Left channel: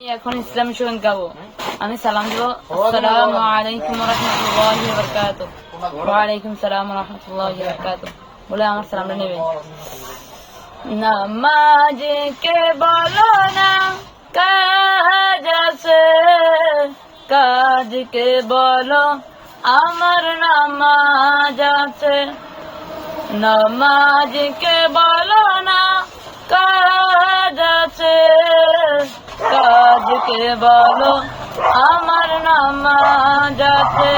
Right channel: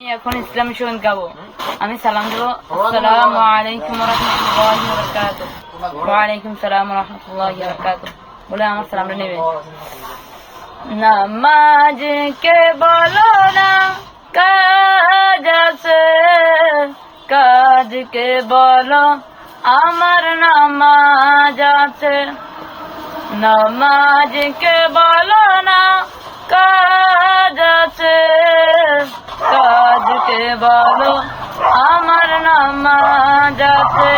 এখন ইসলামী সঙ্গীত গাবো। আমি সালাম দেবো, আসসালামু আলাইকুম রাহমাতুল্লাহি ওয়া বারাকাতুহু। ওয়া আলাইকুম সালাম রাহমাতুল্লাহি ওয়া বারাকাতুহু বলে আমার সালামটা নেবে। নামাজ কে বলো না কাজ আছে, কাজ কে বলো আমার নামাজ আছে। নামাজ কে বলো না কাজ আছে, কাজকে বলো আমার নামাজ আছে।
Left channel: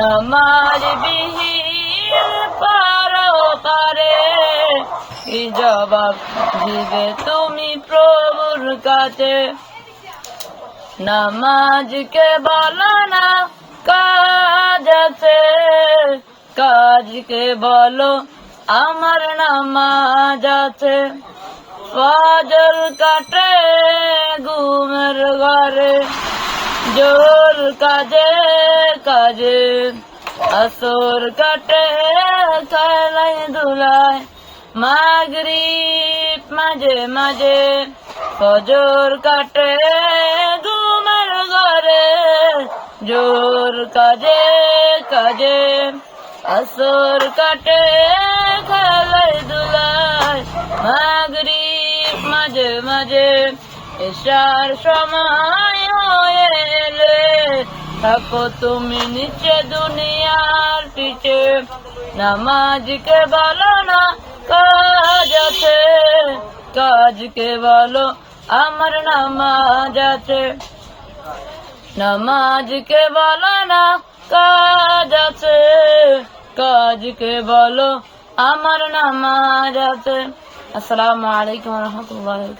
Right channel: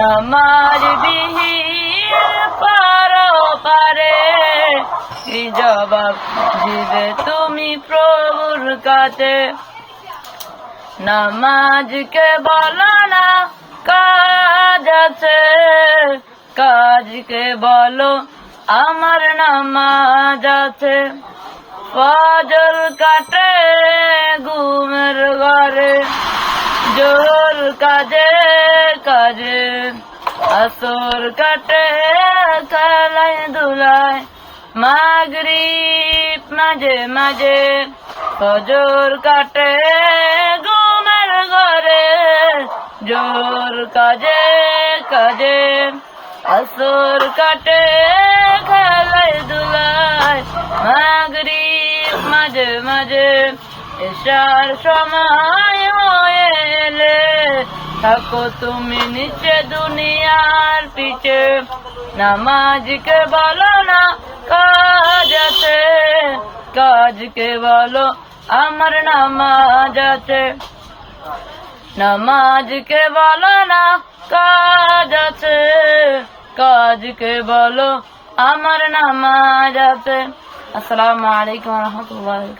নামাজ বিহীন পারো পারে কি জবাব দিবে তুমি প্রভুর কাছে। নামাজকে বলো না কাজ আছে, কাজকে বলো আমার নামাজ আছে। ফজর কাটে ঘুমের ঘরে, জোর কাজে কাজে, আসর কাটে খেলায় ধুলায়, মাগরিব মাঝে মাঝে, ফজর কাটে ঘুমের ঘরে, জোর কাজে কাজে, আসর কাটে খেলায় ধুলায়, মাগরিব মাঝে মাঝে, এশার সময় হয়ে এলে থাকো তুমি নিচে দুনিয়ার পিছে। নামাজকে বলো না কাজ আছে, কাজকে বলো আমার নামাজ আছে। নামাজকে বলো না কাজ আছে, কাজকে বলো আমার নামাজ আছে। আসসালামু আলাইকুম ওয়া রাহমাতুল্লাহি।